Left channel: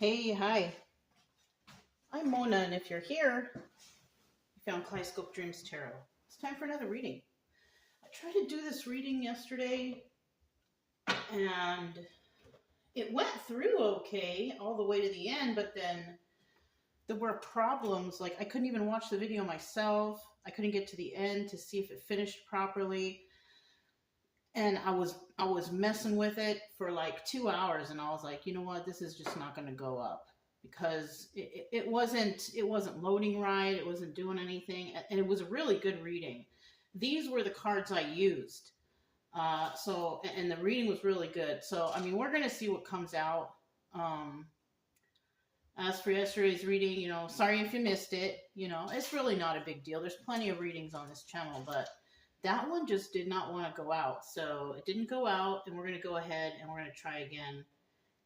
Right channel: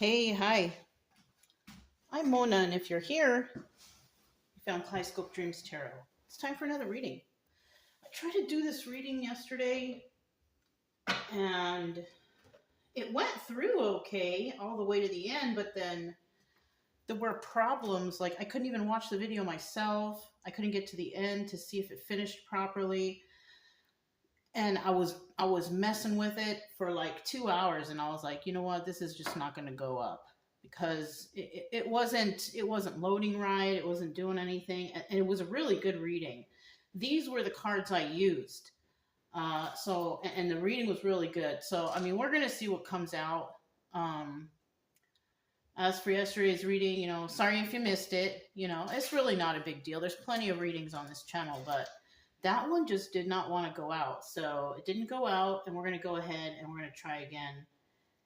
Hey, hi. I'm Mona, and if you're here, you found Kaleidoscope Dreams Tarot. It's time for another reading. I tried to do this reading yesterday, and it went through okay all the way to the end, but then there were problems. Like, I couldn't even watch the video myself. I couldn't get to the end to see if it finished properly. And I was messing with it for like 2 hours, and I was like, you know what, this is just not going to go up because it wasn't loading right. It wasn't doing anything, and it was a really good reading. These were the cards I used. And the reading was really good. So I mean, we're going to see what comes out. Um, as for yesterday's reading, sorry if you missed it. It's really not a big deal. There's plenty of readings on this channel, but that one just did not want to go out. So it didn't go out, and we're going to go ahead and we're going to try again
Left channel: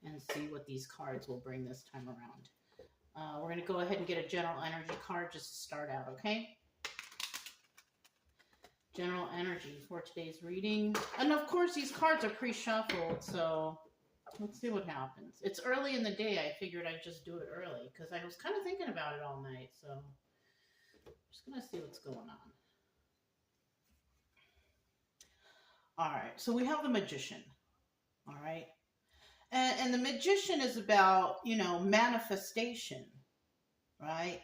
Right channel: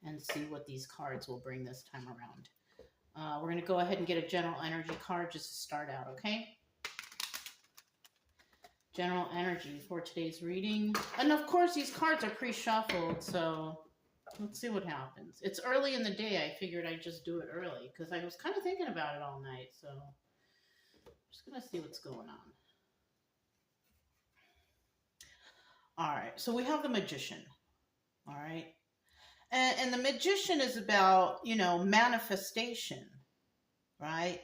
and see what these cards will bring this time around. We're going to go ahead and get a general energy card just to start out, okay? General energy for today's reading. And of course, these cards are pre-shuffled, so let's see what happens. It's early in the day. I figured I'd just do it early because I was kind of thinking about it all night. So I'm just going to see what's going on. All right, so we have the Magician. All right. And the Magician is about, manifestation, right?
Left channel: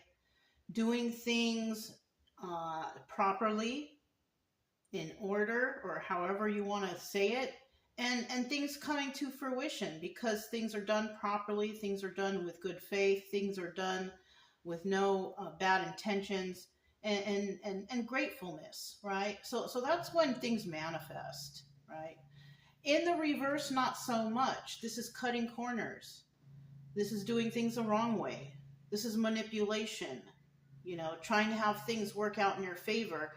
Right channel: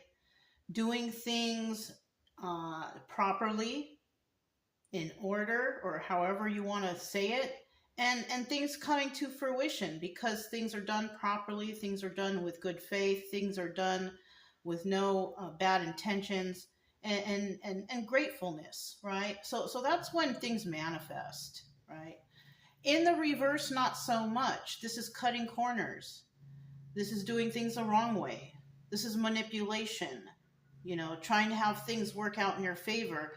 Doing things properly, in order, or however you want to say it, and things coming to fruition because things are done properly, things are done with good faith, things are done with no bad intentions, and gratefulness, right? So that's when things manifest, right? In the reverse, not so much. This is cutting corners. This is doing things the wrong way. This is manipulation, trying to have things work out in your favor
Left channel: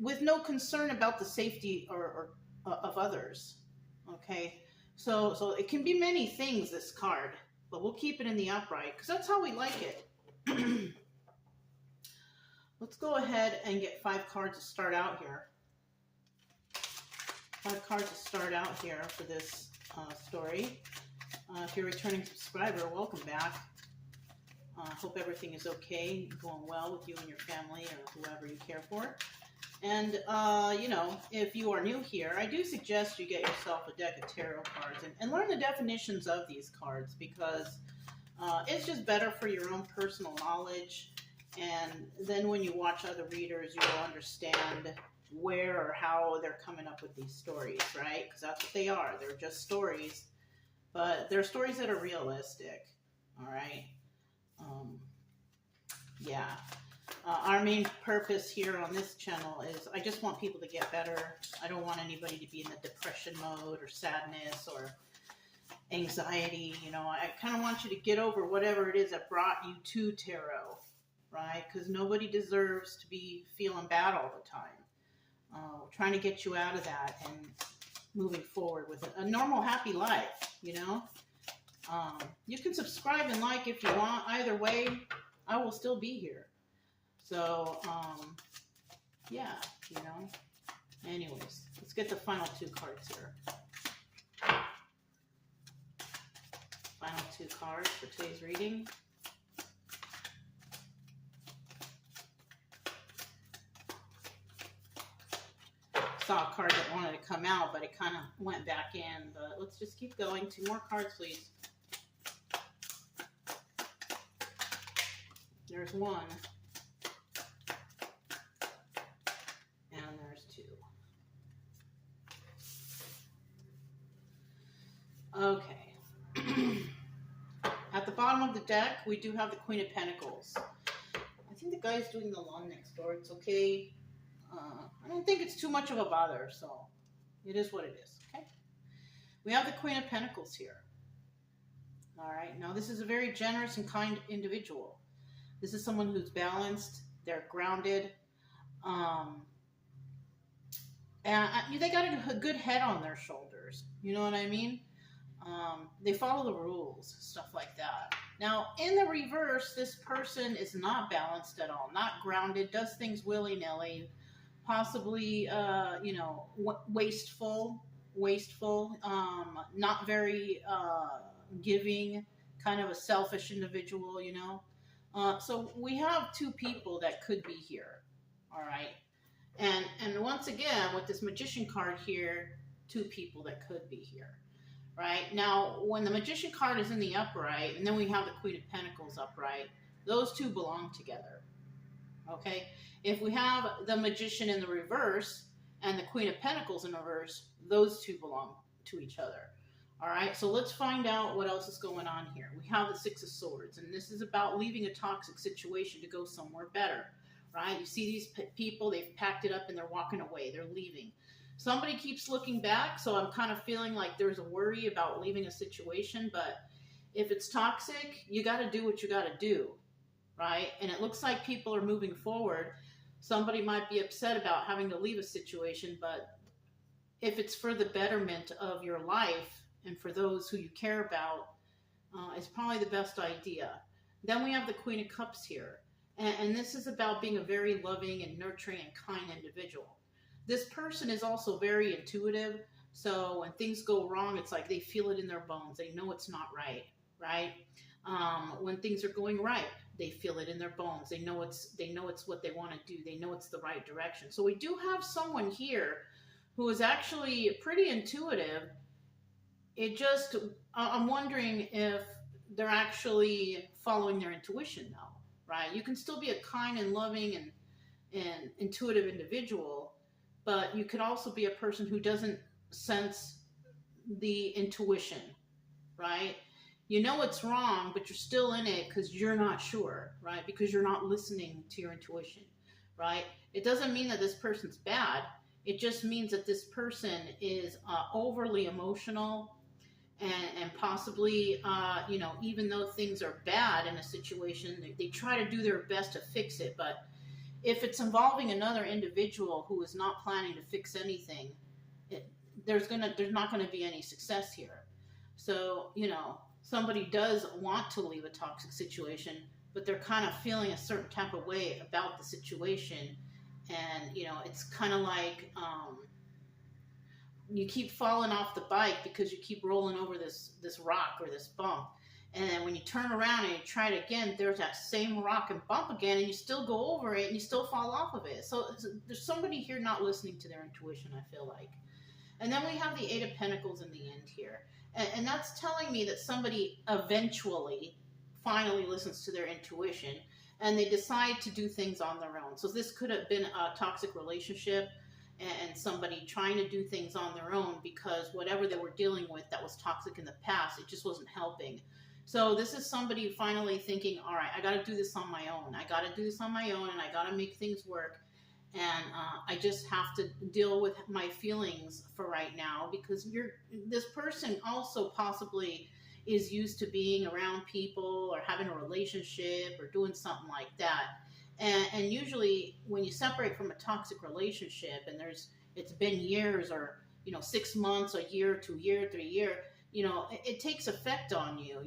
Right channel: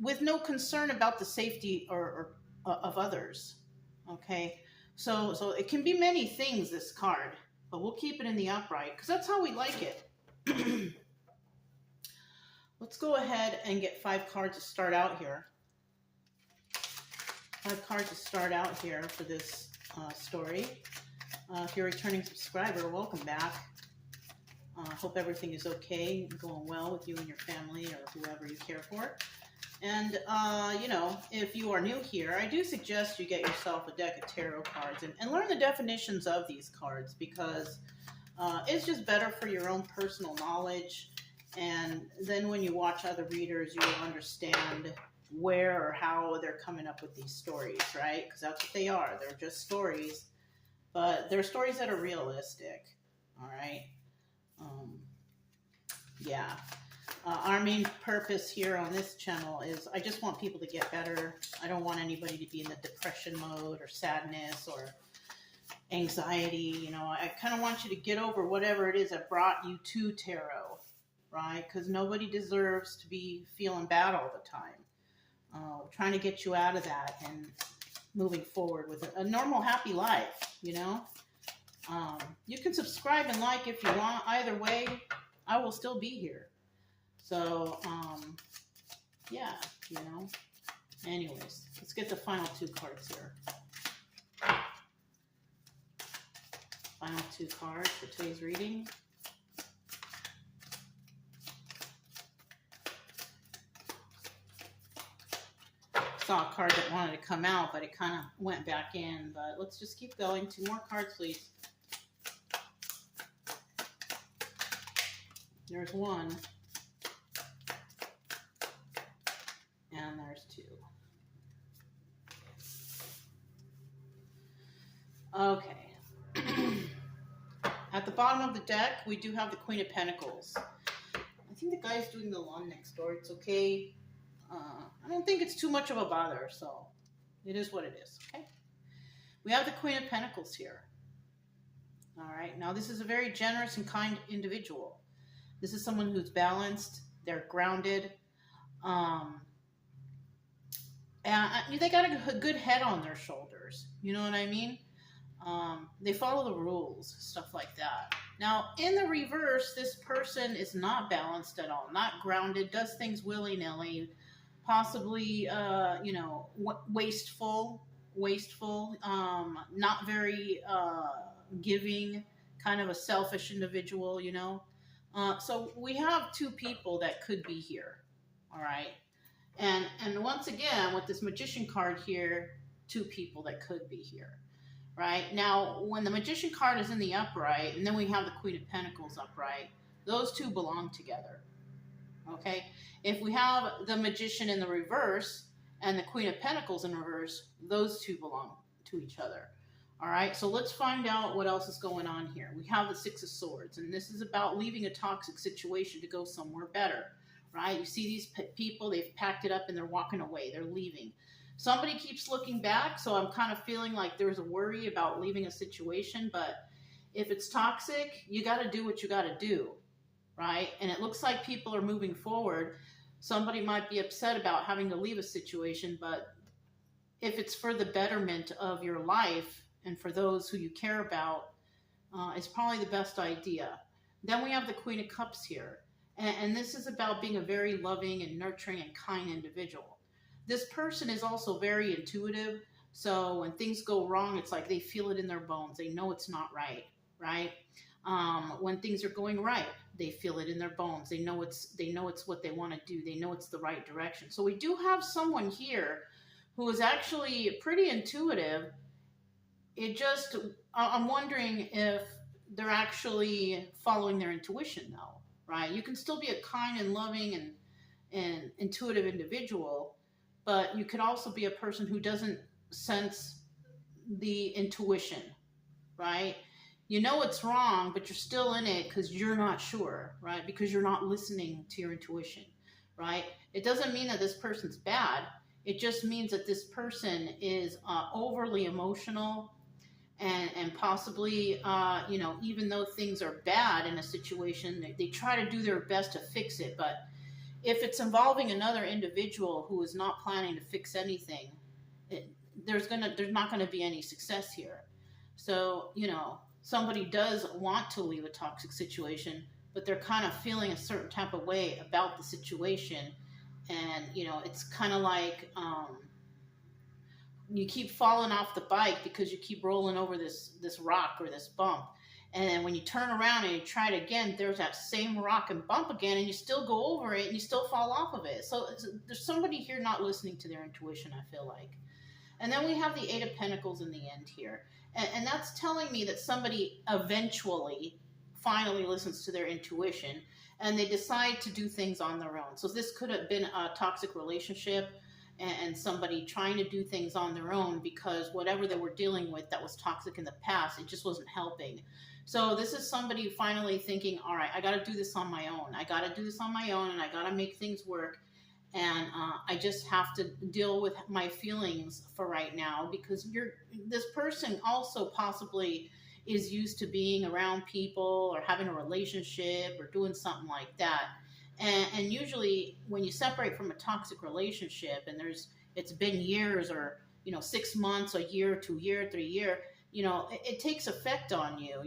with no concern about the safety or of others. Okay, so it can be many things, this card, but we'll keep it in the upright because that's how we like it. Let's go ahead and get 5 cards to start out here. 5 cards to start out here for this story. If you're a returning subscriber, welcome back. Hope everything is okay, going well with you and your family or whoever you care for. And, if you are new here, I do suggest you get yourself a deck of tarot cards and learn the definitions of these cards because it's just better for your own personal knowledge. And then when you watch other readers, you will understand where or how they're coming up with these stories, right? Because that's what they are. They're just stories, but they're stories that are realistic, all right? Yeah. Our main purpose here on this channel is I just want people to get better. I don't want anybody to be in the depression mode or sadness or anxiety. I kind of want you to get over whatever it is that brought you to tarot, right? Because nobody deserves to be feeling bad all the time. We're trying to get you out of that and moving forward with a normal, happy life, You can subscribe and like if you want. Either way, I will still be here. So, yeah, Anyways, let's get the final 2 cards here. Final 2 cards for today's reading. Saw a card that wanted to come out, but it kind of went back in. But let's just keep going. 2 more cards, please. There's 1. And there's 2. Okay. At the bottom of the deck, we do have the Queen of Pentacles. I think the guy's doing the lawn next door. It's okay. I don't think it's too much of a bother, so it is what it is, okay? We have the Queen of Pentacles here. All right, now this is a very generous and kind individual. This is someone who's balanced, they're grounded, and they got a good head on their shoulders, you know what I mean? They follow the rules, stuff like that. Now, in the reverse, this person is not balanced at all, not grounded, does things willy-nilly, possibly, wasteful, not very giving, kind of a selfish individual, you know. So we have two people that could be here, all right. And once again, with this magician card here, two people that could be here, right? Now, when the magician card is in the upright, and then we have the Queen of Pentacles upright, those two belong together, okay? If we have the magician in the reverse and the Queen of Pentacles in reverse, those two belong to each other. All right, so let's find out what else is going on here. We have the Six of Swords, and this is about leaving a toxic situation to go somewhere better, right? You see these people, they've packed it up and they're walking away. They're leaving. Somebody keeps looking back, so I'm kind of feeling like there's a worry about leaving a situation, but if it's toxic, you got to do what you got to do, right? And it looks like people are moving forward. Somebody might be upset about having to leave a situation, but if it's for the betterment of your life and for those who you care about, it's probably the best idea. Then we have the Queen of Cups here. And this is about being a very loving and nurturing and kind individual. This person is also very intuitive. So when things go wrong, it's like they feel it in their bones. They know it's not right, right? When things are going right, they feel it in their bones. They know it's what they want to do. They know it's the right direction. So we do have someone here who is actually pretty intuitive. I'm wondering if they're actually following their intuition though, right? You can still be a kind and loving and intuitive individual, but you could also be a person who doesn't sense the intuition, right? You know it's wrong, but you're still in it because you're not sure, right? Because you're not listening to your intuition, right? It doesn't mean that this person's bad. It just means that this person is overly emotional and possibly, even though things are bad in a situation, they try to do their best to fix it. But if it's involving another individual who is not planning to fix anything, there's not going to be any success here. So, somebody does want to leave a toxic situation, but they're kind of feeling a certain type of way about the situation. And, it's kind of like you keep falling off the bike because you keep rolling over this rock or this bump. And when you turn around and you try it again, there's that same rock and bump again, and you still go over it and you still fall off of it. So there's somebody here not listening to their intuition, I feel like. And then we have the Eight of Pentacles in the end here. And that's telling me that somebody eventually finally listens to their intuition and they decide to do things on their own. So this could have been a toxic relationship and somebody trying to do things on their own because whatever they were dealing with that was toxic in the past, it just wasn't helping. So this is somebody finally thinking, all right, I got to do this on my own. I got to do this on my own, and I got to make things work. And I just have to deal with my feelings for right now because this person also possibly is used to being around people or having a relationship or doing something like that. And usually when you separate from a toxic relationship and it's been years or, 6 months, a year, 2 year, 3 year, it takes effect on you.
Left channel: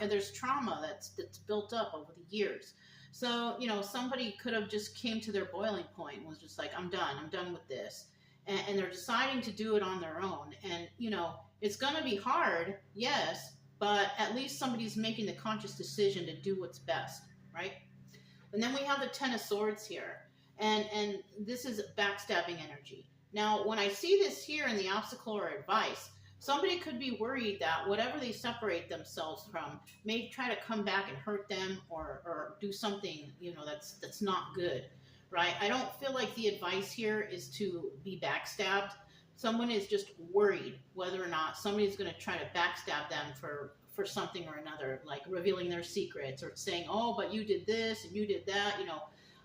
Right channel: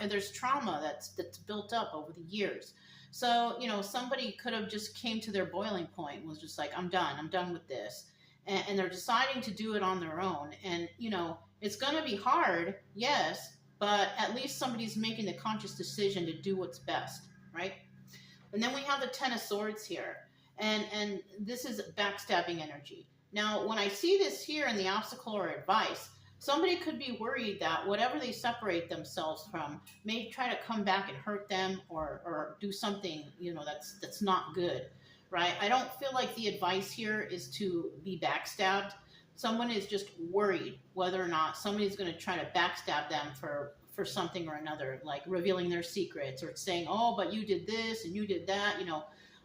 There's trauma that's built up over the years. So, somebody could have just came to their boiling point and was just like, I'm done with this. And they're deciding to do it on their own. And, it's going to be hard, yes, but at least somebody's making the conscious decision to do what's best, right? And then we have the Ten of Swords here. And this is backstabbing energy. Now, when I see this here in the obstacle or advice, somebody could be worried that whatever they separate themselves from may try to come back and hurt them or do something, that's not good, right? I don't feel like the advice here is to be backstabbed. Someone is just worried whether or not somebody's going to try to backstab them for something or another, like revealing their secrets or saying, oh, but you did this and you did that,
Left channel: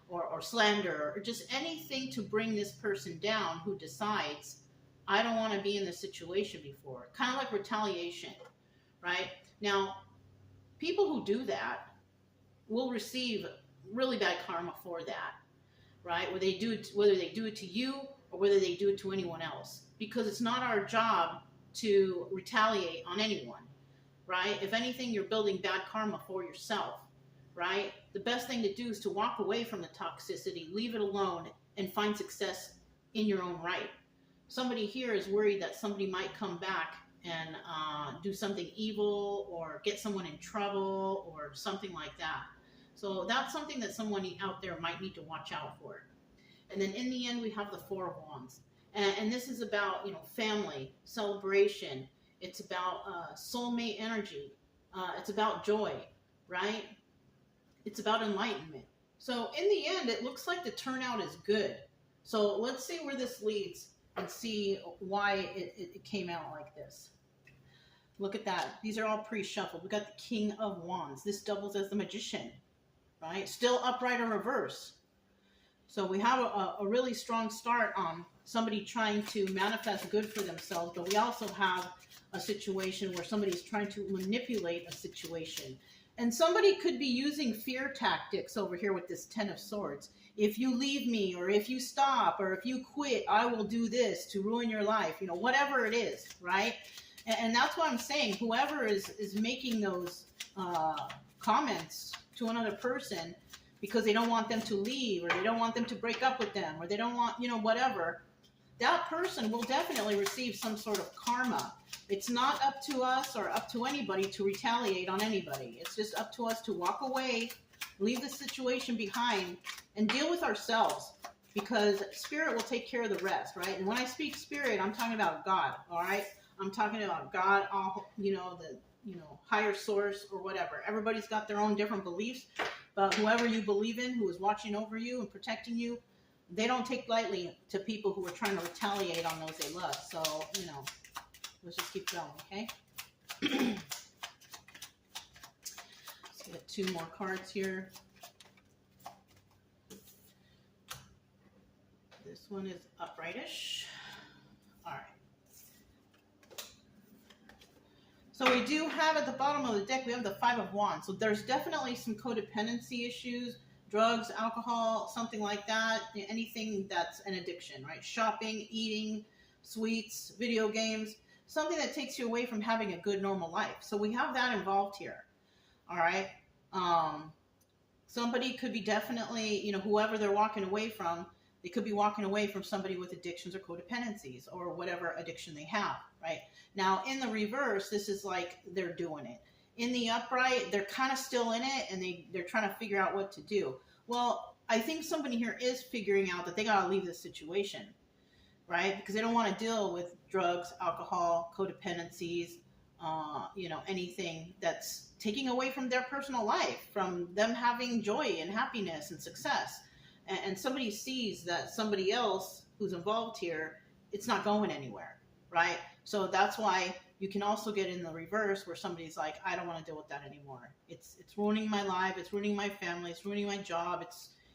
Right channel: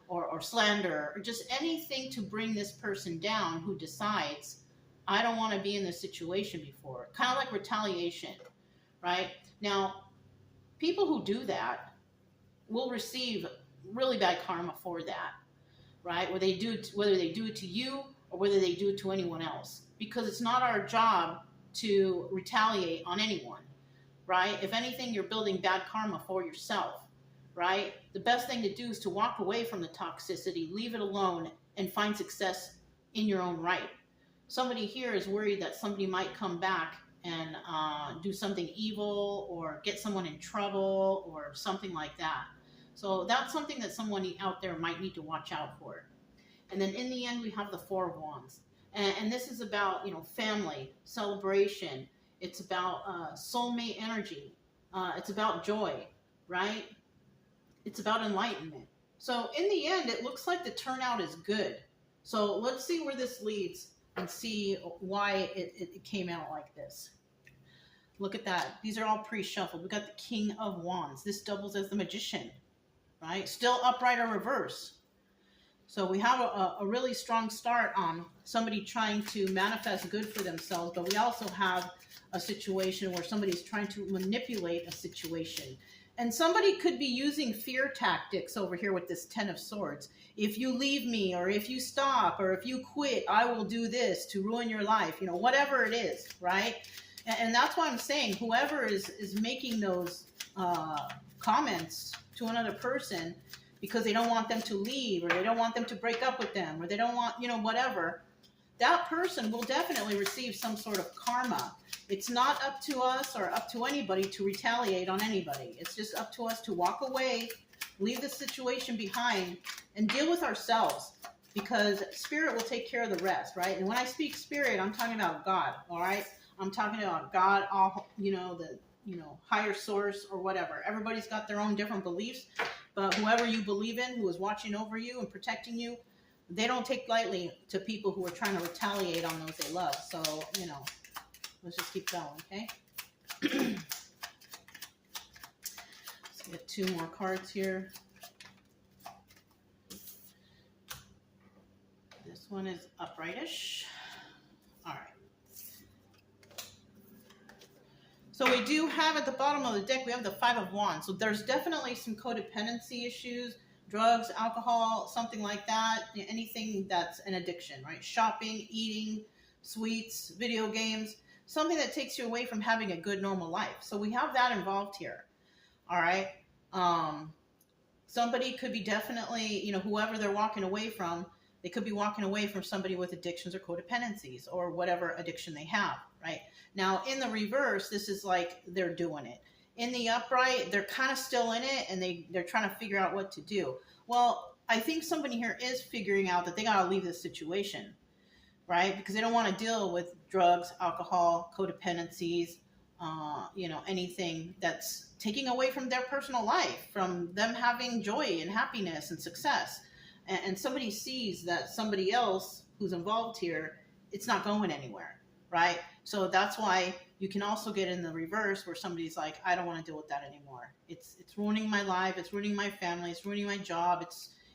or slander or just anything to bring this person down who decides, I don't want to be in this situation before. Kind of like retaliation, right? Now, people who do that will receive really bad karma for that, right? Whether they do it to you or whether they do it to anyone else, because it's not our job to retaliate on anyone, right? If anything, you're building bad karma for yourself, right? The best thing to do is to walk away from the toxicity, leave it alone, and find success in your own right. Somebody here is worried that somebody might come back and do something evil or get someone in trouble or something like that. So that's something that someone out there might need to watch out for. And then in the end, we have the Four of Wands. And this is about, family, celebration. It's about soulmate energy. It's about joy, right? It's about enlightenment. So in the end, it looks like the turnout is good. So let's see where this leads and see why it came out like this. Look at that. These are all pre-shuffled. We got the King of Wands. This doubles as the Magician, right? Still upright or reverse. So we have a really strong start on somebody trying to manifest good for themselves, but we also have a situation where somebody's trying to manipulate a situation. And somebody could be using fear tactics over here with this Ten of Swords. If you leave me, or if you stop, or if you quit, I will do this to ruin your life, whatever it is, right? And that's why I'm saying whoever is making those comments to another person because they don't want them to leave, or they don't want them to break up with them, or they don't want, whatever, that person will definitely receive some sort of karma. It's not up to us or up to anybody to retaliate on anybody. It's just up to us to walk away, leave the situation behind, and deal with ourselves, because spirit will take care of the rest, right? And when I speak spirit, I'm talking about God, all right? I'm talking about God, all, the higher source or whatever. Everybody's got their own different beliefs, but whoever you believe in, who is watching over you and protecting you, they don't take lightly to people who are trying to retaliate on those they love. So, let's just keep going, okay? Let's get two more cards here. This one is uprightish. All right. So we do have at the bottom of the deck, we have the Five of Wands. So there's definitely some codependency issues, drugs, alcohol, something like that, anything that's an addiction, right? Shopping, eating, sweets, video games, something that takes you away from having a good normal life. So we have that involved here, all right? Somebody could be definitely, whoever they're walking away from, they could be walking away from somebody with addictions or codependencies or whatever addiction they have, right? Now, in the reverse, this is like they're doing it. In the upright, they're kind of still in it, and they're trying to figure out what to do. Well, I think somebody here is figuring out that they got to leave this situation, right? Because they don't want to deal with drugs, alcohol, codependencies, anything that's taking away from their personal life, from them having joy and happiness and success. And somebody sees that somebody else who's involved here, it's not going anywhere, right? So that's why you can also get in the reverse where somebody's like, I don't want to deal with that anymore. It's ruining my life. It's ruining my family. It's ruining my job.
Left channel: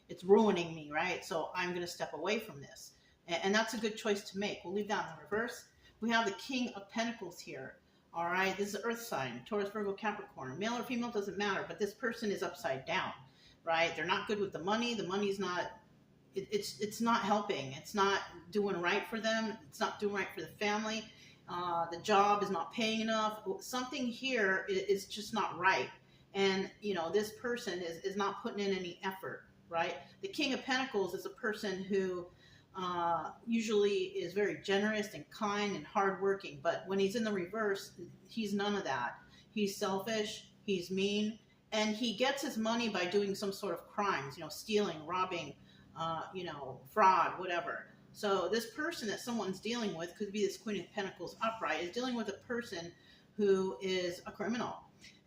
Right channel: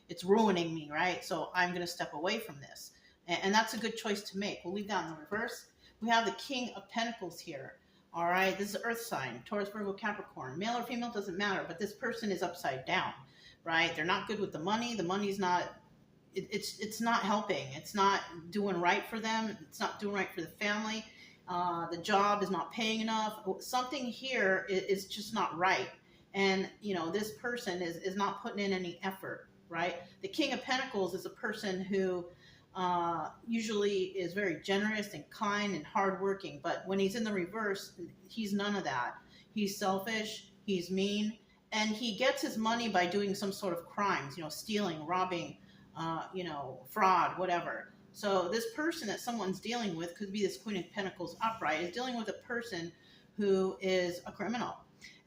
It's ruining me, right? So I'm going to step away from this. And that's a good choice to make. We'll leave that in the reverse. We have the King of Pentacles here. All right, this is Earth sign, Taurus, Virgo, Capricorn. Male or female doesn't matter, but this person is upside down, right? They're not good with the money. The money's not, it's not helping. It's not doing right for them. It's not doing right for the family. The job is not paying enough. Something here is just not right. And, this person is not putting in any effort, right? The King of Pentacles is a person who usually is very generous and kind and hardworking. But when he's in the reverse, he's none of that. He's selfish, he's mean, and he gets his money by doing some sort of crimes, stealing, robbing, fraud, whatever. So this person that someone's dealing with, could be this Queen of Pentacles upright, is dealing with a person who is a criminal.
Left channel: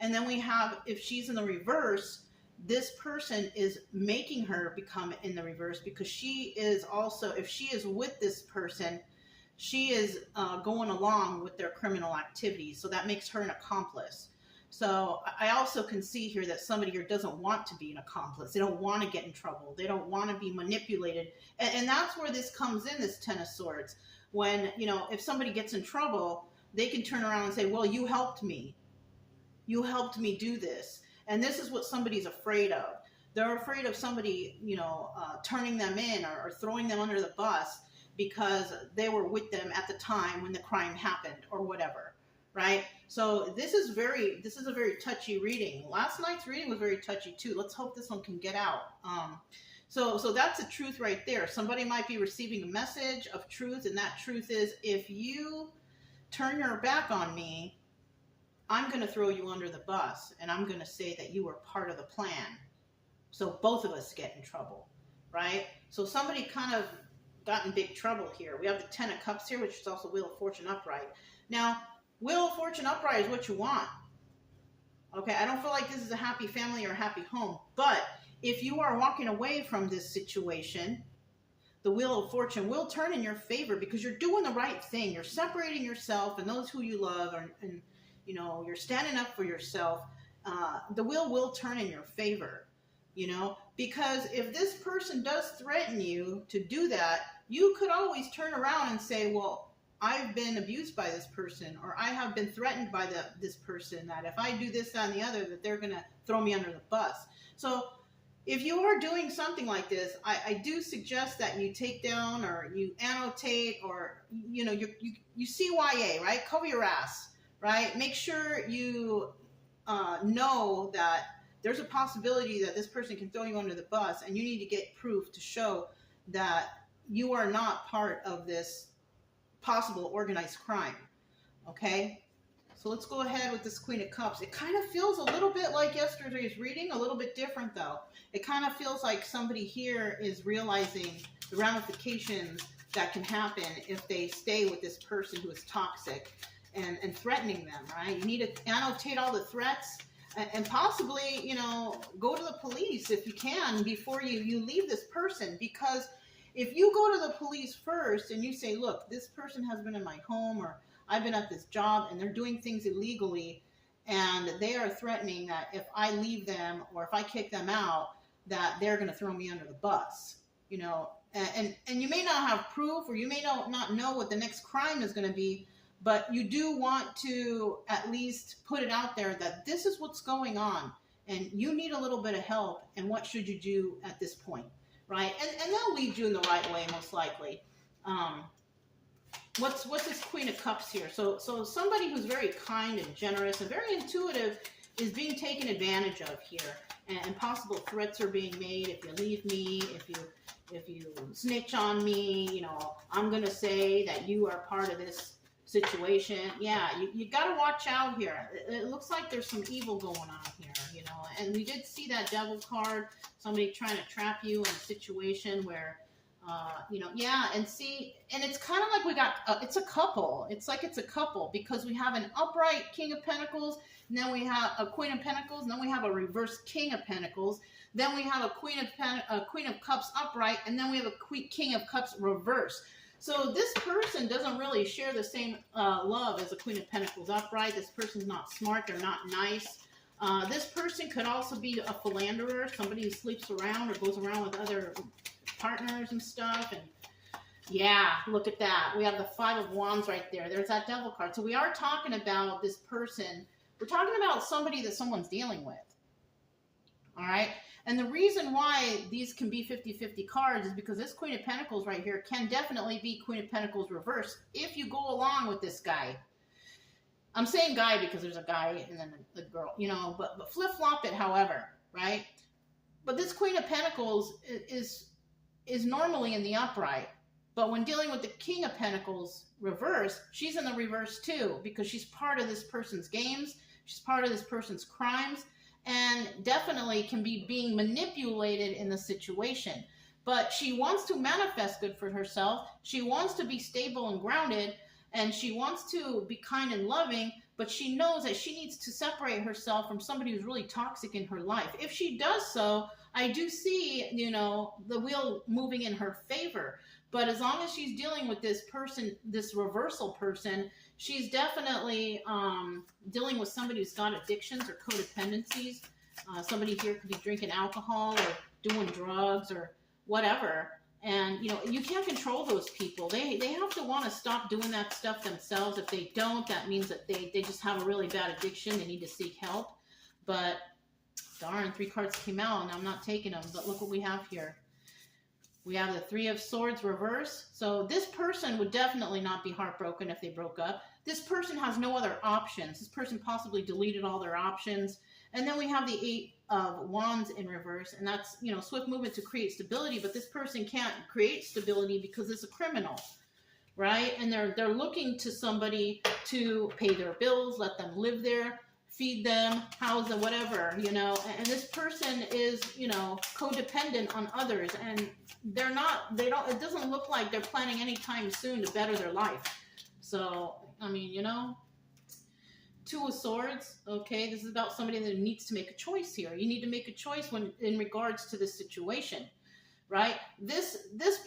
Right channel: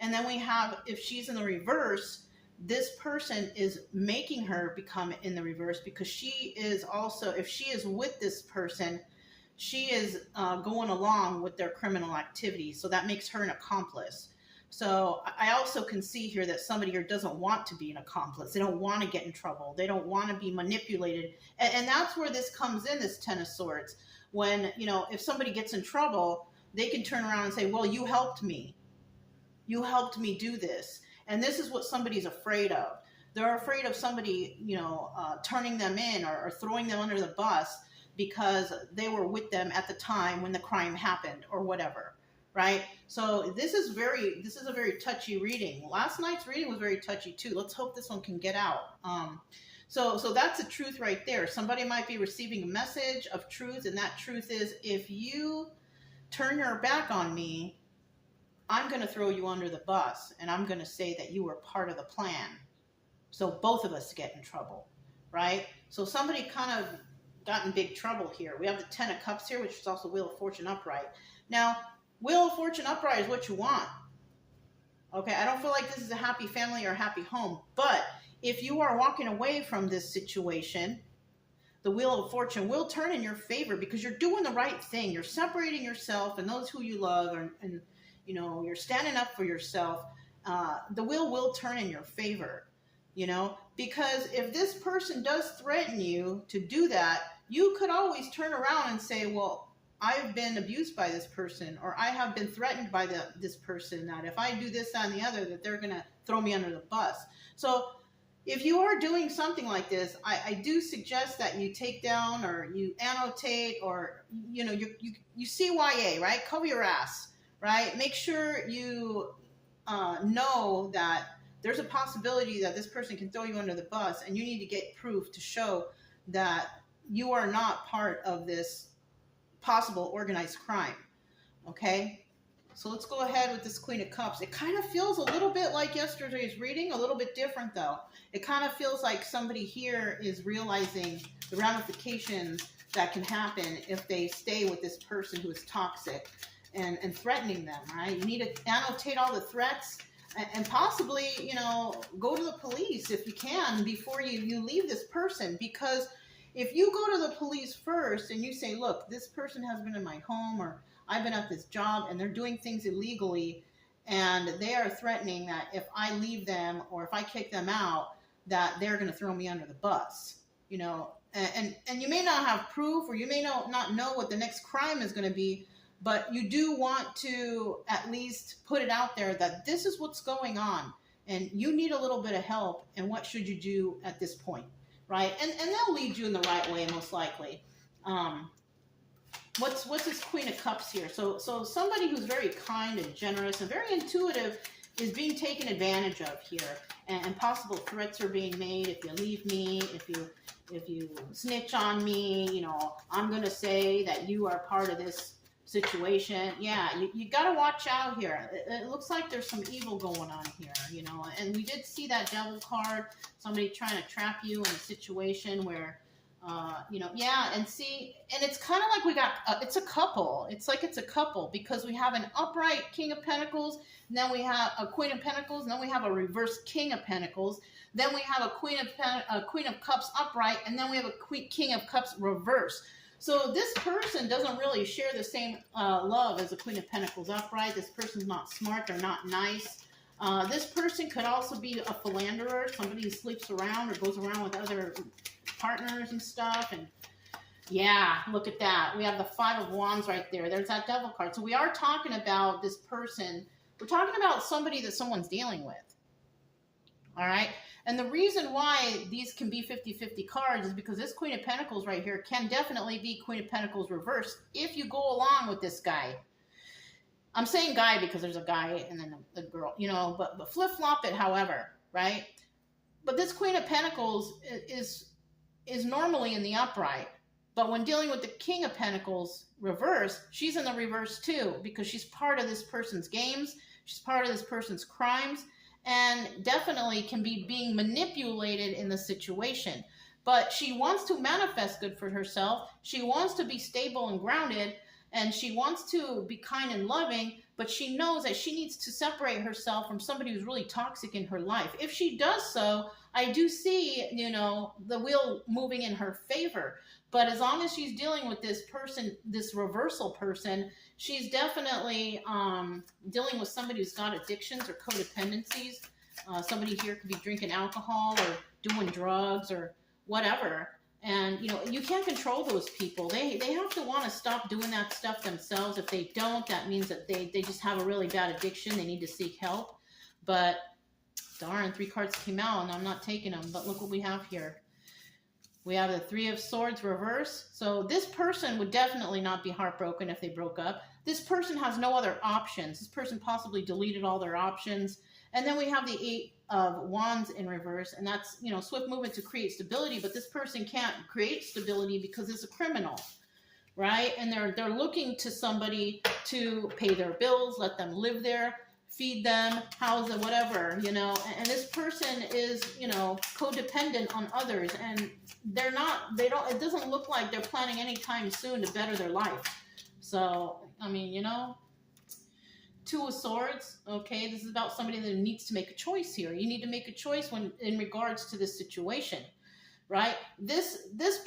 And then we have, if she's in the reverse, this person is making her become in the reverse, because she is also, if she is with this person, she is going along with their criminal activities. So that makes her an accomplice. So I also can see here that somebody here doesn't want to be an accomplice. They don't want to get in trouble. They don't want to be manipulated. And that's where this comes in, this Ten of Swords. When, if somebody gets in trouble, they can turn around and say, well, you helped me. You helped me do this. And this is what somebody's afraid of. They're afraid of somebody, turning them in or throwing them under the bus because they were with them at the time when the crime happened or whatever, right? So this is a very touchy reading. Last night's reading was very touchy too. Let's hope this one can get out. So that's the truth right there. Somebody might be receiving a message of truth, and that truth is, if you turn your back on me, I'm going to throw you under the bus, and I'm going to say that you were part of the plan. So both of us get in trouble, right? So somebody kind of got in big trouble here. We have the Ten of Cups here, which is also Wheel of Fortune upright. Now, Wheel of Fortune upright is what you want. Okay, I don't feel like this is a happy family or a happy home, but if you are walking away from this situation, the Wheel of Fortune will turn in your favor because you're doing the right thing. You're separating yourself and those who you love, and you know, you're standing up for yourself. The wheel will turn in your favor, you know, because if this person does threaten you to do that, you could always turn around and say, well, I've been abused by this person, or I have been threatened by this person, that if I do this, that, and the other, that they're going to throw me under the bus. So if you are doing something like this, I do suggest that you take down or you annotate, or, you know, you CYA, right? Cover your ass, right? Make sure you know that there's a possibility that this person can throw you under the bus, and you need to get proof to show that you are not part of this possible organized crime. Okay, so let's go ahead with this Queen of Cups. It kind of feels a little bit like yesterday's reading, a little bit different though. It kind of feels like somebody here is realizing the ramifications that can happen if they stay with this person who is toxic and threatening them, right? You need to annotate all the threats and possibly, you know, go to the police if you can before you leave this person, because if you go to the police first and you say, look, this person has been in my home, or I've been at this job and they're doing things illegally, and they are threatening that if I leave them or if I kick them out, that they're going to throw me under the bus, you know, and you may not have proof, or you may not know what the next crime is going to be, but you do want to at least put it out there that this is what's going on and you need a little bit of help, and what should you do at this point? Right, and they'll lead you in the right way, most likely. What's this Queen of Cups here? So somebody who's very kind and generous and very intuitive is being taken advantage of here, and possible threats are being made. If you leave me, if you snitch on me, you know, I'm gonna say that you are part of this situation. Yeah, you got to watch out here. It looks like there's some evil going on here, you know, and we did see that Devil card, somebody trying to trap you in a situation where, you know, yeah, and see, and it's kind of like we got, it's a couple. It's like it's a couple, because we have an upright King of Pentacles, and then we have a Queen of Pentacles, and then we have a reverse King of Pentacles, then we have a Queen of Cups upright, and then we have a King of Cups reverse. So this person doesn't really share the same love as a Queen of Pentacles upright. This person's not smart. They're not nice. This person could also be a philanderer, somebody who sleeps around or goes around with other partners and stuff. And yeah, look at that. We have the Five of Wands right there. There's that Devil card. So we are talking about this person. We're talking about somebody that someone's dealing with. All right. And the reason why these can be 50-50 cards is because this Queen of Pentacles right here can definitely be Queen of Pentacles reversed if you go along with this guy. I'm saying guy because there's a guy and then a girl, you know, but flip-flop it, however, right? But this Queen of Pentacles is normally in the upright. But when dealing with the King of Pentacles reverse, she's in the reverse too, because she's part of this person's games. She's part of this person's crimes, and definitely can be being manipulated in the situation. But she wants to manifest good for herself. She wants to be stable and grounded, and she wants to be kind and loving, but she knows that she needs to separate herself from somebody who's really toxic in her life. If she does so, I do see, you know, the wheel moving in her favor. But as long as she's dealing with this person, this reversal person, she's definitely dealing with somebody who's got addictions or codependencies. Somebody here could be drinking alcohol or doing drugs or whatever. And, you know, you can't control those people. They have to want to stop doing that stuff themselves. If they don't, that means that they just have a really bad addiction. They need to seek help. But darn, 3 cards came out and I'm not taking them. But look what we have here. We have the 3 of Swords reverse. So this person would definitely not be heartbroken if they broke up. This person has no other options. This person possibly deleted all their options. And then we have the 8 of Wands in reverse. And that's, you know, swift movement to create stability. But this person can't create stability because it's a criminal, right? And they're looking to somebody to pay their bills, let them live there, feed them, house them, whatever, you know. And this person is, you know, codependent on others, and it doesn't look like they're planning anytime soon to better their life. So, I mean, you know, Two of Swords, okay, this is about somebody that needs to make a choice here. You need to make a choice when in regards to this situation, right? This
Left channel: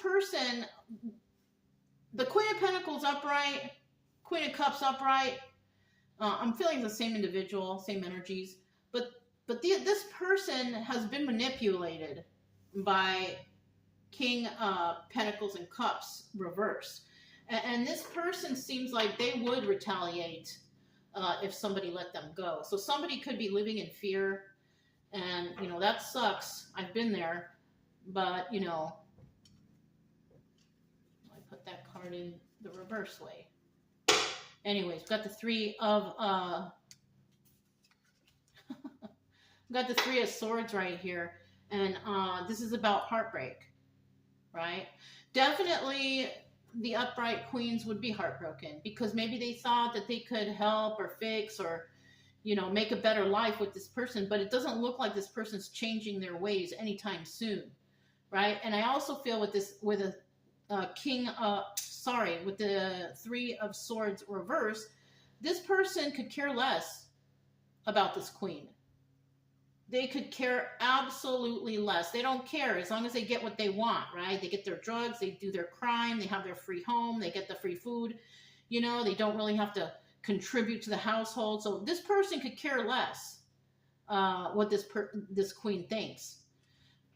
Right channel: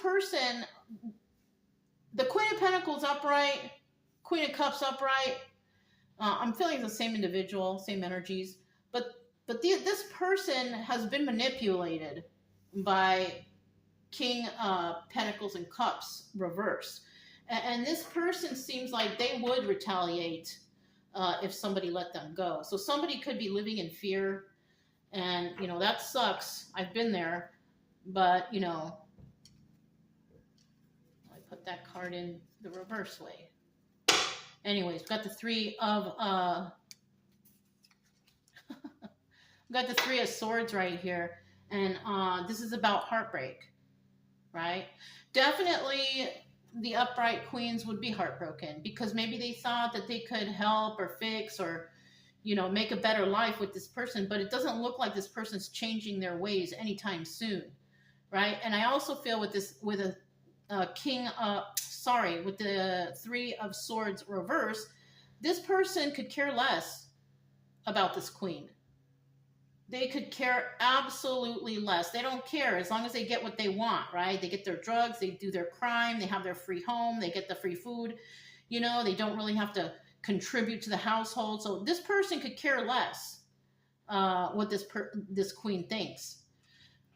person, the Queen of Pentacles upright, Queen of Cups upright. I'm feeling the same individual, same energies, but this person has been manipulated by King Pentacles and Cups reverse, and this person seems like they would retaliate if somebody let them go. So somebody could be living in fear, and you know that sucks. I've been there, but you know, I put that card in the reverse way. Anyways, we've got the Three of we've got the Three of Swords right here, and this is about heartbreak, right? Definitely the upright queens would be heartbroken because maybe they thought that they could help or fix or, you know, make a better life with this person, but it doesn't look like this person's changing their ways anytime soon, right? And I also feel with this, with a with the Three of Swords reverse, this person could care less about this queen. They could care absolutely less. They don't care as long as they get what they want, right? They get their drugs, they do their crime, they have their free home, they get the free food. You know, they don't really have to contribute to the household. So this person could care less what this queen thinks.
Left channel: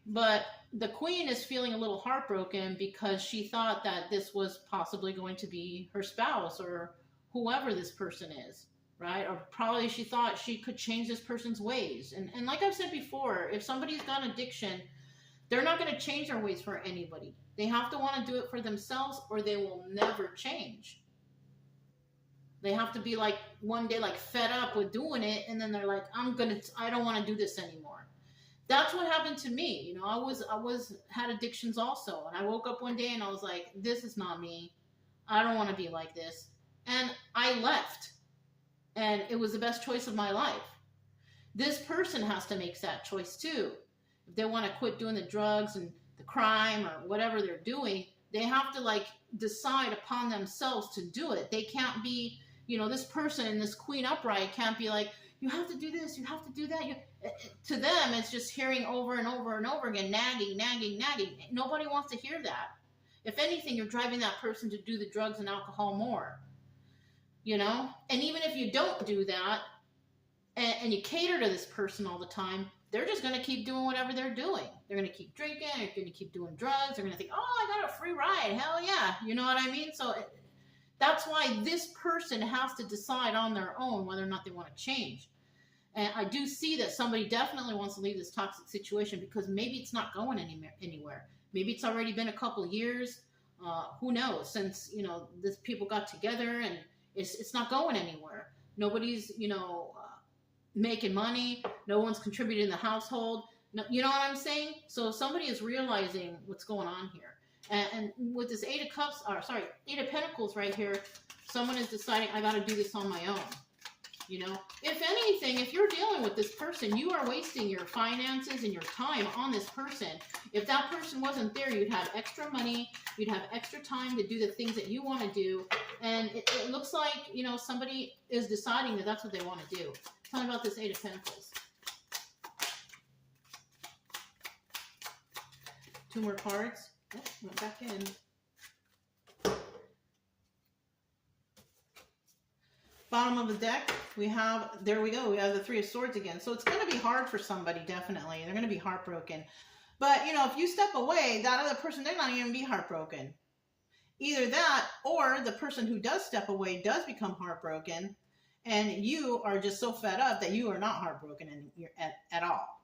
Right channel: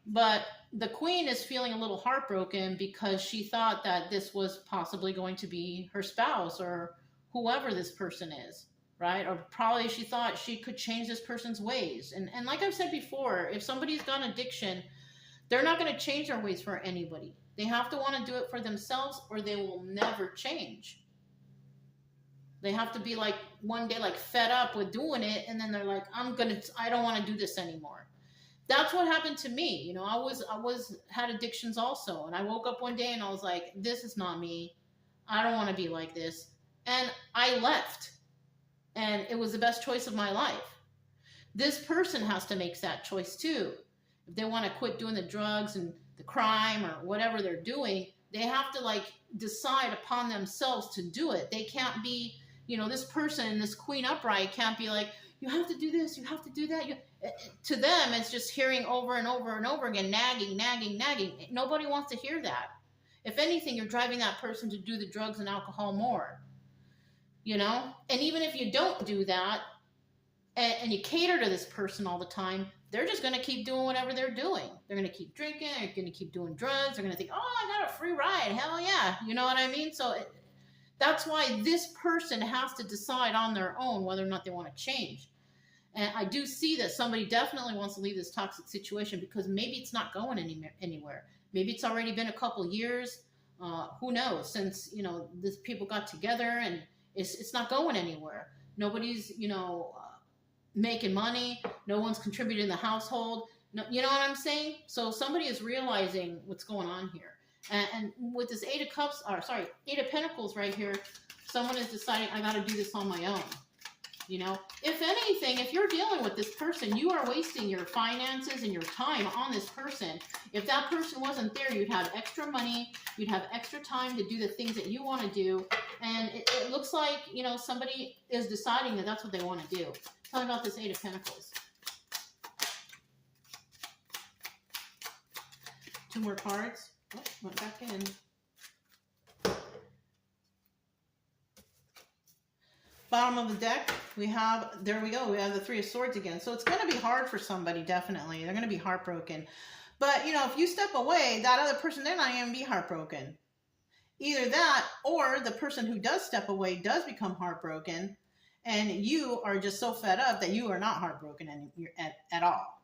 But the queen is feeling a little heartbroken because she thought that this was possibly going to be her spouse or whoever this person is. Right? Or probably she thought she could change this person's ways. And like I've said before, if somebody's got addiction, they're not going to change their ways for anybody. They have to want to do it for themselves or they will never change. They have to be like one day like fed up with doing it and then they're like, I don't want to do this anymore. That's what happened to me. You know, I had addictions also. And I woke up one day and I was like, this is not me. I don't want to be like this. And I left. And it was the best choice of my life. This person has to make that choice too. If they want to quit doing the drugs and the crime or whatever they're doing, they have to like decide upon themselves to do it. They can't be, you know, this person, this queen upright can't be like, you have to do this, you have to do that. To them, it's just hearing over and over and over again, nagging, nagging, nagging. Nobody wants to hear that. If anything, you're driving that person to do the drugs and alcohol more. You know, and even if you don't do that and you cater to this person all the time, they're just going to keep doing whatever they're doing. They're going to keep drinking. They're going to keep doing drugs. They're going to think, oh, I got a free ride. Hell yeah. You know what I mean? So that's why this person has to decide on their own whether or not they want to change. And I do see that somebody definitely wants to leave this toxic situation because maybe it's not going anywhere. Maybe it's already been a couple years. Who knows? Since, you know, this people got together and it's not going anywhere. Nobody's, you know, making money. No one's contributing in the household. No, you know what I'm saying? So somebody is realizing what's going on here. And with this Eight of Pentacles right here, someone is deciding, I got to do this on my own. You know, if anything, if you're dealing with this person, you are wasting your finances and your time on this person. If that person wasn't there, you'd have extra money, you'd have extra time to do the things that you want to do. And it looks like, you know, somebody is deciding that that's what they want to do. Tell me about this Eight of Pentacles. Two more cards. Oh, went back in. Bottom of the deck, there we go, we have the Three of Swords again. So it's going to be hard for somebody, definitely. They're going to be heartbroken. But, you know, if you step away, that other person, they're not going to be heartbroken. Either that, or the person who does step away does become heartbroken, and you are just so fed up that you are not heartbroken at all.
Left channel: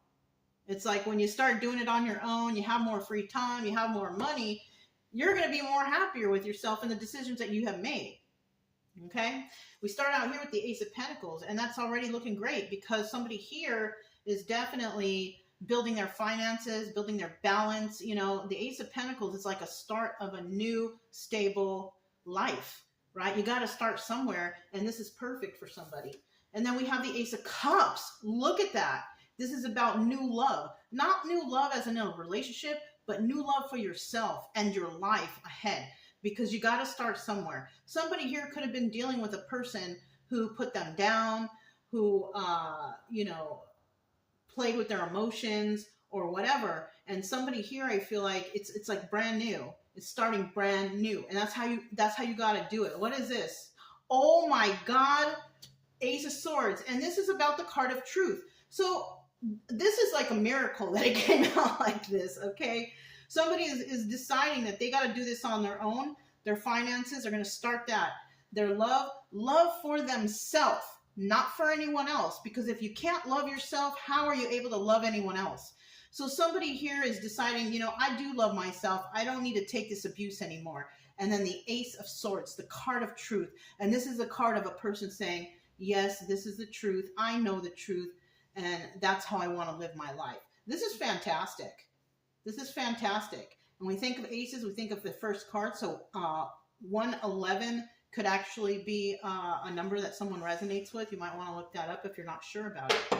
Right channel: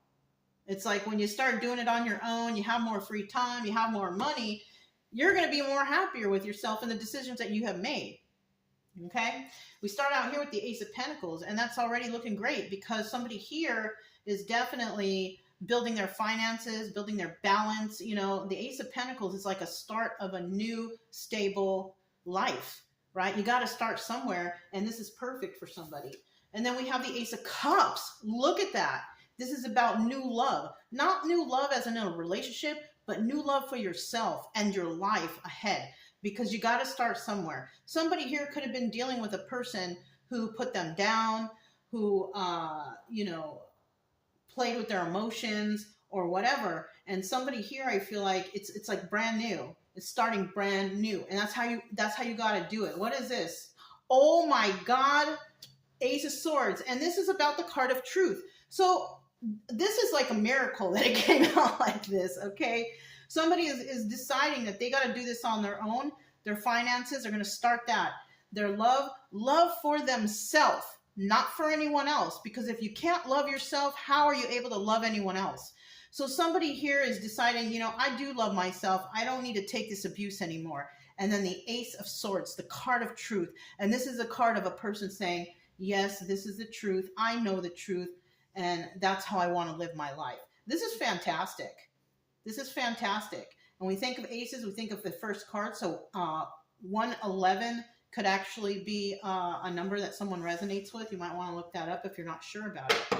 It's like when you start doing it on your own, you have more free time, you have more money, you're going to be more happier with yourself and the decisions that you have made. Okay? We start out here with the Ace of Pentacles, and that's already looking great because somebody here is definitely building their finances, building their balance. You know, the Ace of Pentacles is like a start of a new, stable life, right? You got to start somewhere, and this is perfect for somebody. And then we have the Ace of Cups. Look at that. This is about new love. Not new love as in a relationship, but new love for yourself and your life ahead, because you got to start somewhere. Somebody here could have been dealing with a person who put them down, who, played with their emotions or whatever. And somebody here, I feel like it's like brand new. It's starting brand new. And that's how you got to do it. What is this? Oh my God. Ace of Swords. And this is about the card of truth. So this is like a miracle that it came out like this, okay? Somebody is deciding that they got to do this on their own. Their finances are going to start that. Their love for themselves, not for anyone else. Because if you can't love yourself, how are you able to love anyone else? So somebody here is deciding, I do love myself. I don't need to take this abuse anymore. And then the Ace of Swords, the card of truth. And this is a card of a person saying, yes, this is the truth. I know the truth. And that's how I want to live my life. This is fantastic. This is fantastic. When we think of aces, we think of the first card. So 111 could actually be a number that someone resonates with. You might want to look that up if you're not sure about it.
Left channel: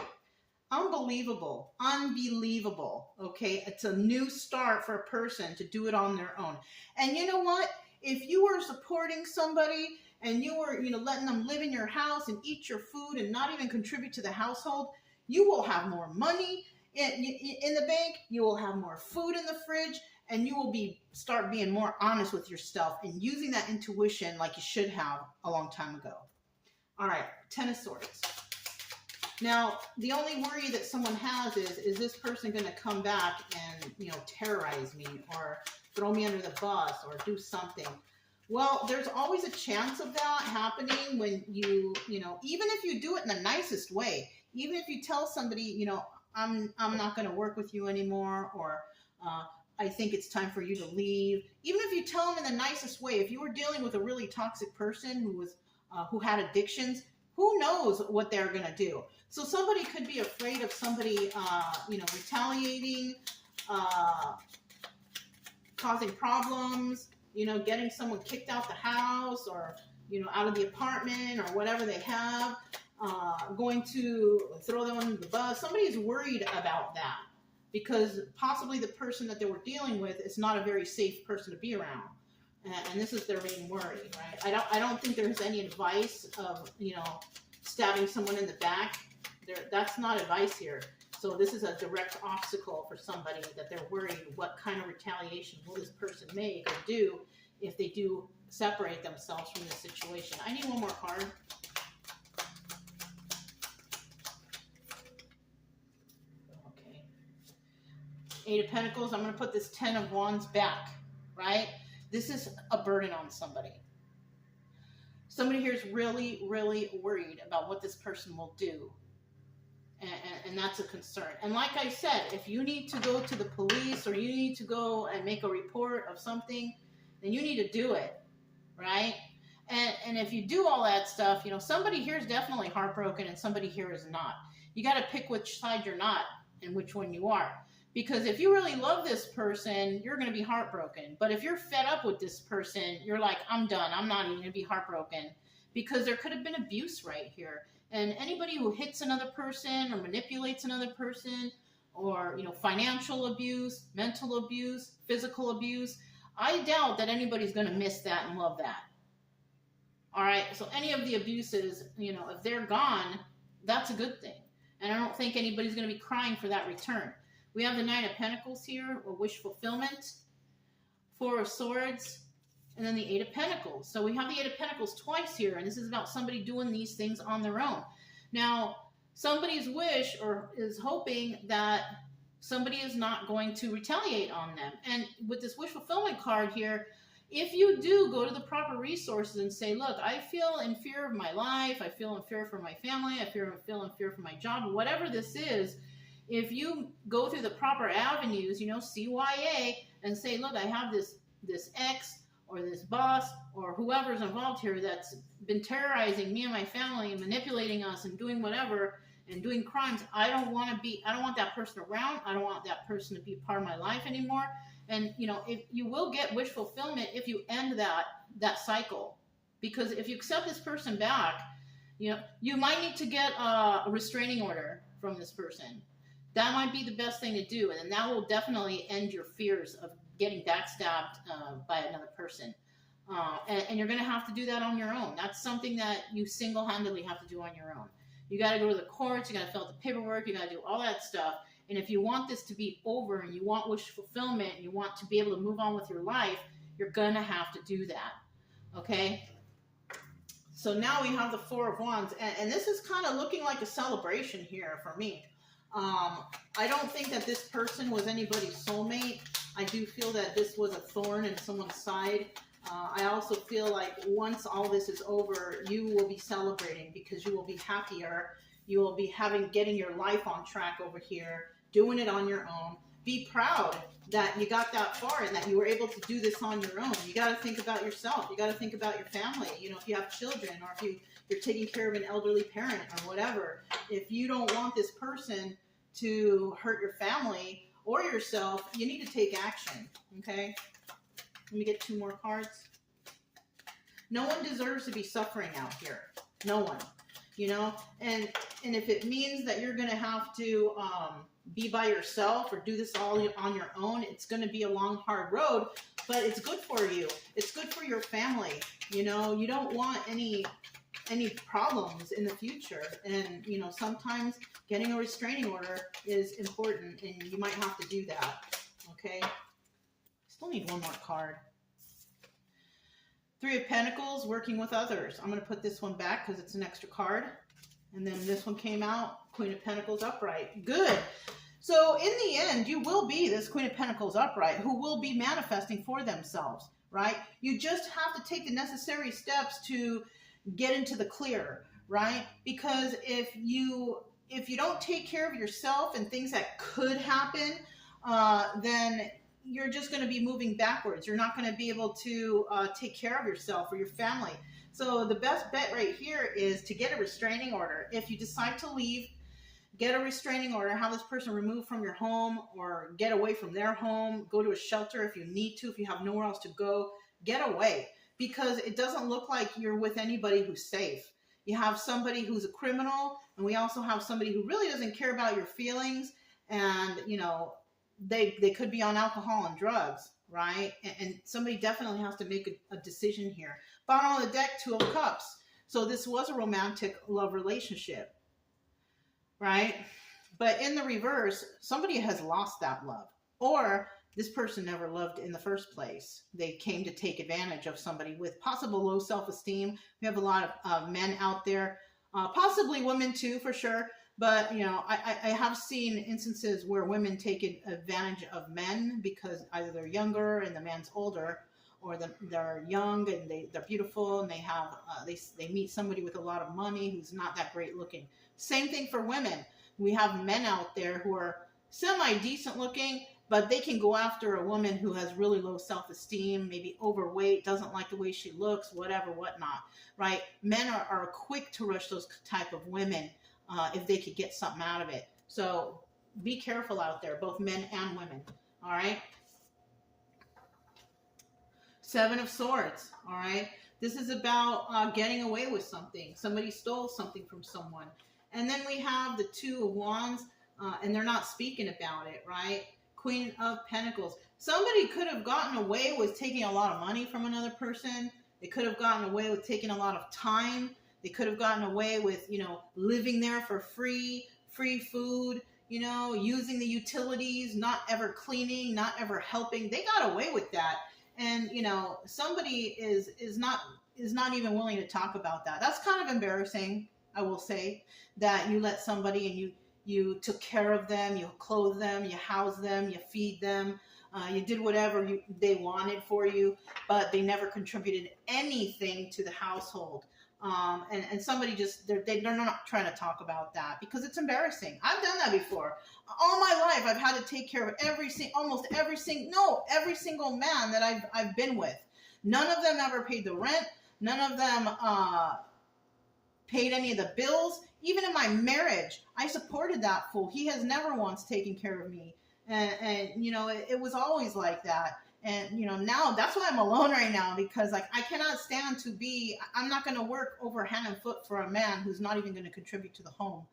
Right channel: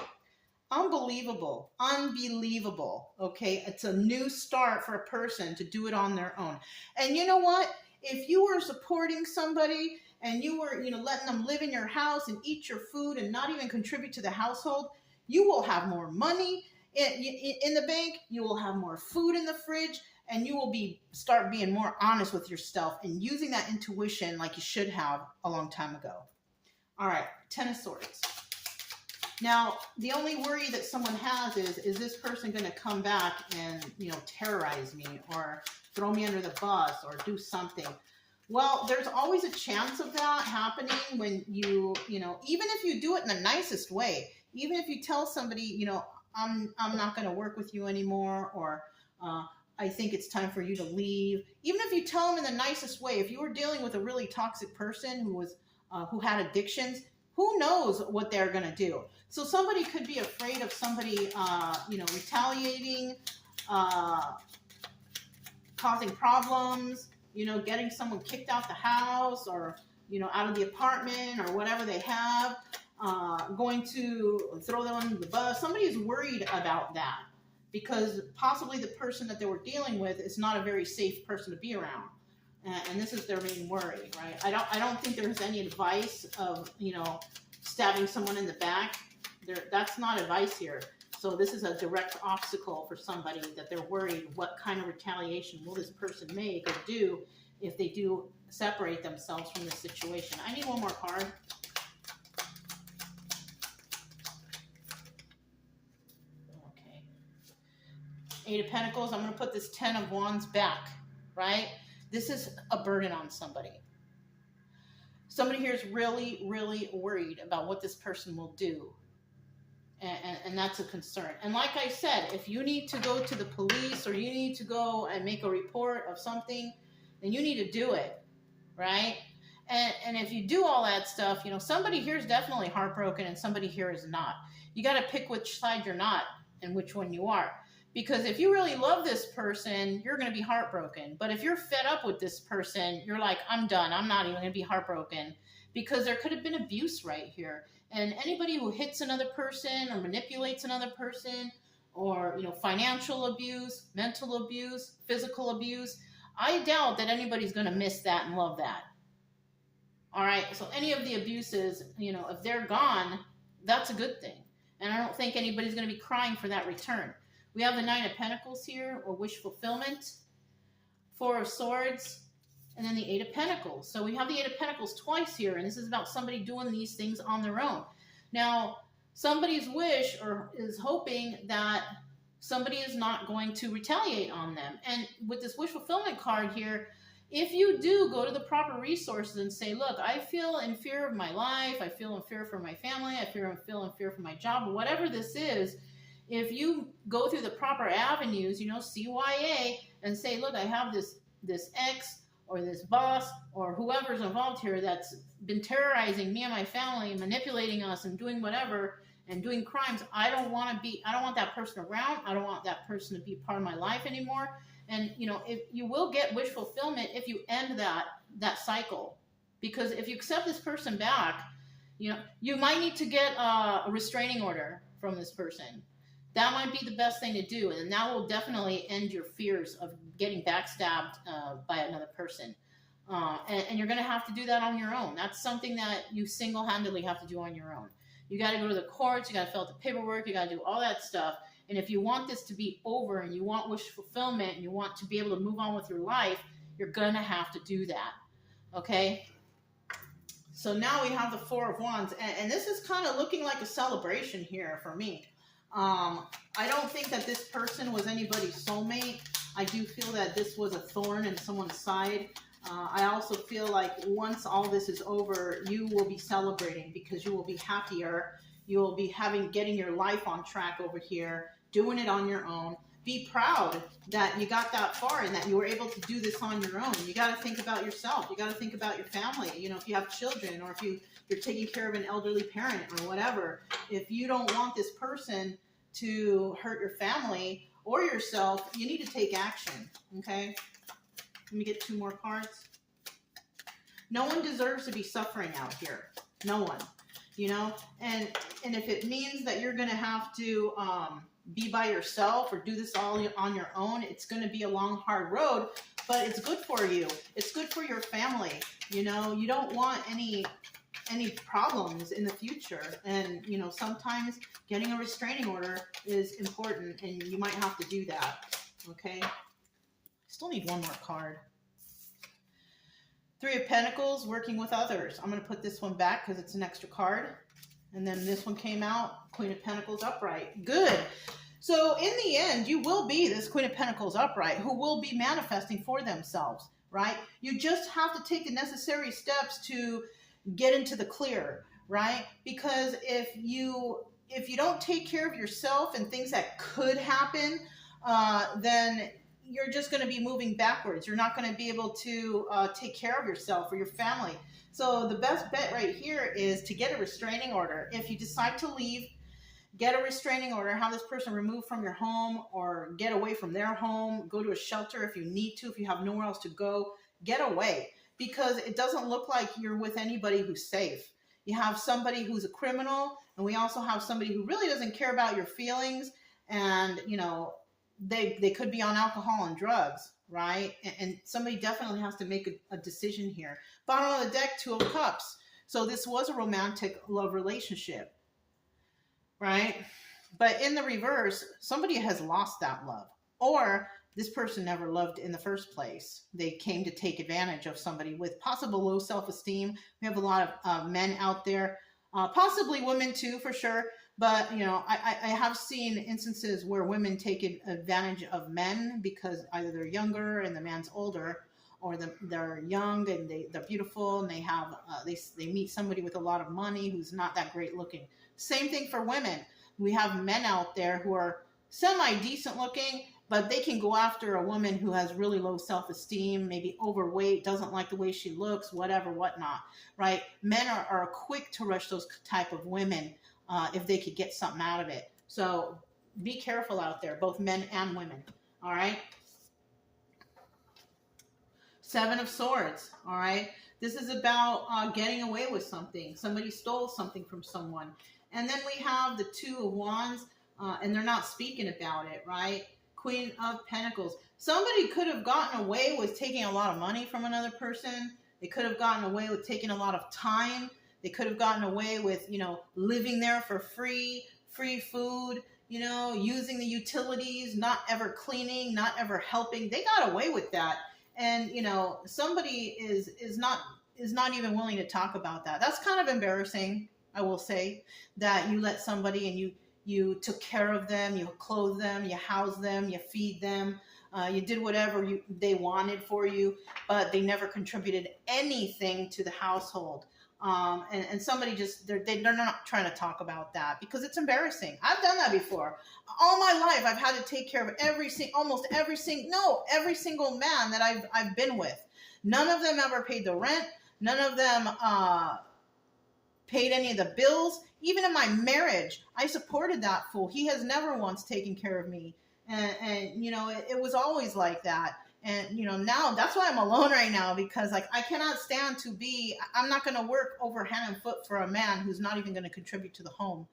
Unbelievable. Unbelievable. Okay. It's a new start for a person to do it on their own. And you know what? If you were supporting somebody and you were, letting them live in your house and eat your food and not even contribute to the household, you will have more money in the bank. You will have more food in the fridge, and you will start being more honest with yourself and using that intuition like you should have a long time ago. All right. 10 of Swords. Now, the only worry that someone has is this person going to come back and, terrorize me or throw me under the bus or do something? Well, there's always a chance of that happening when even if you do it in the nicest way, even if you tell somebody, I'm not going to work with you anymore, or I think it's time for you to leave. Even if you tell them in the nicest way, if you were dealing with a really toxic person who had addictions, who knows what they're going to do? So somebody could be afraid of somebody, retaliating, causing problems, getting someone kicked out the house or, out of the apartment or whatever they have, going to throw them under the bus. Somebody is worried about that because possibly the person that they were dealing with is not a very safe person to be around. And this is their main worry, right? I don't think there's any advice of, stabbing someone in the back. That's not advice here. So this is a direct obstacle for somebody that they're worried what kind of retaliation will this person make or do if they do separate themselves from the situation. I need one more card. Okay. 8 of Pentacles. I'm going to put this 10 of Wands back, right? This is a burden on somebody. Somebody here is really, really worried about what this person will do. And that's a concern. And like I said, if you need to go to the police or you need to go and make a report of something, then you need to do it, right? And if you do all that stuff, somebody here is definitely heartbroken and somebody here is not. You got to pick which side you're not and which one you are. Because if you really love this person, you're going to be heartbroken. But if you're fed up with this person, you're like, I'm done. I'm not even going to be heartbroken. Because there could have been abuse right here. And anybody who hits another person or manipulates another person or, financial abuse, mental abuse, physical abuse, I doubt that anybody's going to miss that and love that. All right. So any of the abuses, if they're gone, that's a good thing. And I don't think anybody's going to be crying for that return. We have the 9 of Pentacles here, or wish fulfillment, 4 of Swords, and then the 8 of Pentacles. So we have the 8 of Pentacles twice here, and this is about somebody doing these things on their own. Now, somebody's wish or is hoping that somebody is not going to retaliate on them. And with this wish fulfillment card here, if you do go to the proper resources and say, look, I feel in fear of my life, I feel in fear for my family, I feel in fear for my job, whatever this is, if you go through the proper avenues, CYA, and say, look, I have this ex or this boss or whoever's involved here that's been terrorizing me and my family and manipulating us and doing whatever and doing crimes. I don't want that person around. I don't want that person to be part of my life anymore. And, if you will get wish fulfillment if you end that that cycle. Because if you accept this person back, you might need to get a restraining order from this person. That might be the best thing to do, and that will definitely end your fears of getting backstabbed by another person. And you're going to have to do that on your own. That's something that you single-handedly have to do on your own. You got to go to the courts, you got to fill out the paperwork, you got to do all that stuff. And if you want this to be over and you want wish fulfillment and you want to be able to move on with your life, you're going to have to do that. Okay? So now we have the Four of Wands, and this is kind of looking like a celebration here for me. I don't think that this person was anybody's soulmate. I do feel that this was a thorn in someone's side. I also feel like once all this is over, you will be celebrating because you will be happier. You will be getting your life on track over here, doing it on your own. Be proud that you got that far and that you were able to do this on your own. You got to think about yourself. You got to think about your family. If you have children or if you're taking care of an elderly parent or whatever. If you don't want this person to hurt your family or yourself, you need to take action, okay? Let me get 2 more cards. No one deserves to be suffering out here. No one, and if it means that you're going to have to be by yourself or do this all on your own, it's going to be a long, hard road, but it's good for you. It's good for your family. You don't want any problems in the future. And, sometimes getting a restraining order is important and you might have to do that. Okay. Still need 1 more card. 3 of Pentacles, working with others. I'm going to put this one back because it's an extra card. And then this one came out, Queen of Pentacles upright. Good. So in the end, you will be this Queen of Pentacles upright who will be manifesting for themselves, right? You just have to take the necessary steps to get into the clear, right? Because if you don't take care of yourself and things that could happen, then you're just going to be moving backwards. You're not going to be able to take care of yourself or your family. So the best bet right here is to get a restraining order. If you decide to leave, get a restraining order, have this person removed from your home or get away from their home, go to a shelter if you need to, if you have nowhere else to go, get away. Because it doesn't look like you're with anybody who's safe. You have somebody who's a criminal, and we also have somebody who really doesn't care about your feelings, and, they could be on alcohol and drugs, right? And somebody definitely has to make a decision here. Bottom of the deck, 2 of Cups. So this was a romantic love relationship, right? But in the reverse, somebody has lost that love. Or this person never loved in the first place. They came to take advantage of somebody with possible low self-esteem. We have a lot of men out there, possibly women too, for sure. But, I have seen instances where women take advantage of men because either they're younger and the man's older, or they're young and they're beautiful and they have they meet somebody with a lot of money who's not that great looking. Same thing for women. We have men out there who are semi-decent looking, but they can go after a woman who has really low self-esteem, maybe overweight, doesn't like the way she looks, whatever, whatnot, right? Men are quick to rush those type of women if they could get something out of it. So be careful out there, both men and women, all right? 7 of Swords, all right? This is about getting away with something. Somebody stole something from someone. And then we have the 2 of Wands, and they're not speaking about it, right? Queen of Pentacles. Somebody could have gotten away with taking a lot of money from another person. They could have gotten away with taking a lot of time. They could have gotten away with, living there for free food, using the utilities, not ever cleaning, not ever helping. They got away with that. And, somebody is not even willing to talk about that. That's kind of embarrassing, I will say, that you let somebody and you took care of them, you clothed them, you housed them, you feed them, you did whatever they wanted for you, but they never contributed anything to the household. And somebody they're not trying to talk about that because it's embarrassing. I've done that before. All my life, I've had to take care of every single man that I've been with. None of them ever paid the rent. None of them paid any of the bills. Even in my marriage, I supported that fool. He has never once taken care of me. And it was always like that. And, now that's why I'm alone right now, because like I cannot stand I'm not going to work over hand and foot for a man who's not even going to contribute to the home,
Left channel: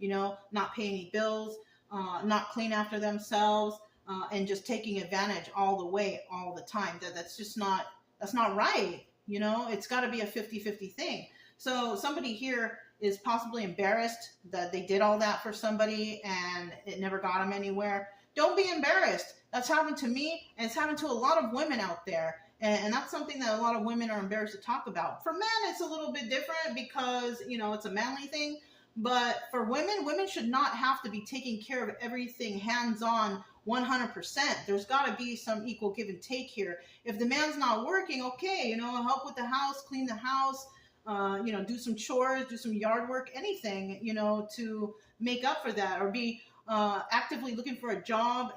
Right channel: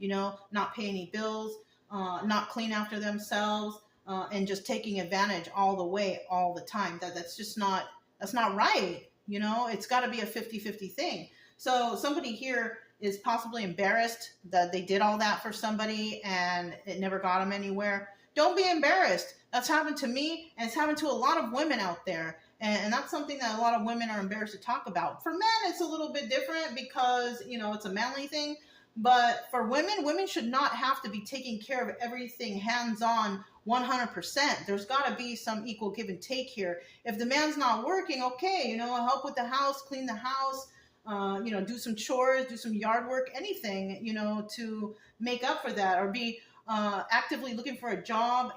not pay any bills, not clean after themselves, and just taking advantage all the way, all the time. That's not right. It's got to be a 50-50 thing. So somebody here is possibly embarrassed that they did all that for somebody and it never got them anywhere. Don't be embarrassed. That's happened to me, and it's happened to a lot of women out there. And that's something that a lot of women are embarrassed to talk about. For men, it's a little bit different because, it's a manly thing. But for women should not have to be taking care of everything hands-on 100%. There's got to be some equal give and take here. If the man's not working, okay, help with the house, clean the house, do some chores, do some yard work, anything, to make up for that, or be actively looking for a job,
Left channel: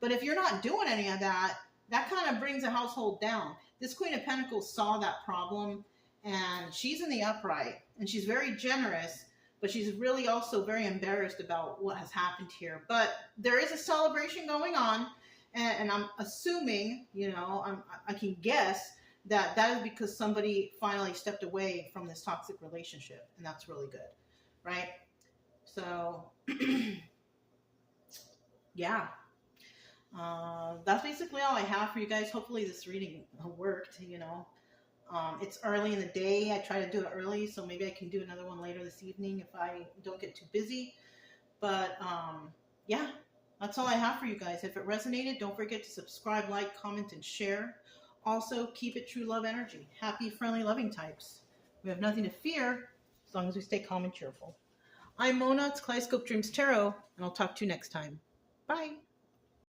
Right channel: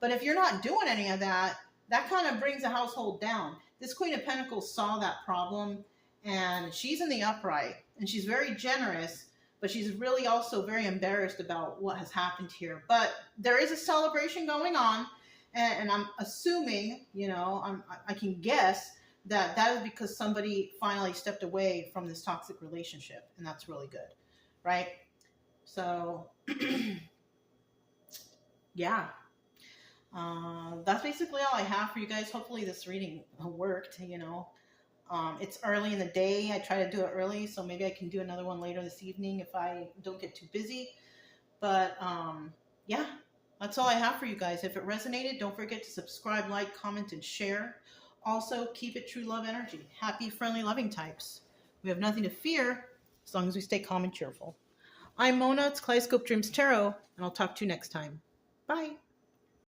But if you're not doing any of that, that kind of brings a household down. This Queen of Pentacles saw that problem, and she's in the upright, and she's very generous, but she's really also very embarrassed about what has happened here. But there is a celebration going on, and I'm assuming, I can guess that is because somebody finally stepped away from this toxic relationship, and that's really good, right? So, yeah. That's basically all I have for you guys. Hopefully this reading worked, It's early in the day. I try to do it early, so maybe I can do another one later this evening if I don't get too busy. But, yeah, that's all I have for you guys. If it resonated, don't forget to subscribe, like, comment, and share. Also, keep it true love energy. Happy, friendly, loving types. We have nothing to fear as long as we stay calm and cheerful. I'm Mona. It's Kaleidoscope Dreams Tarot, and I'll talk to you next time. Bye.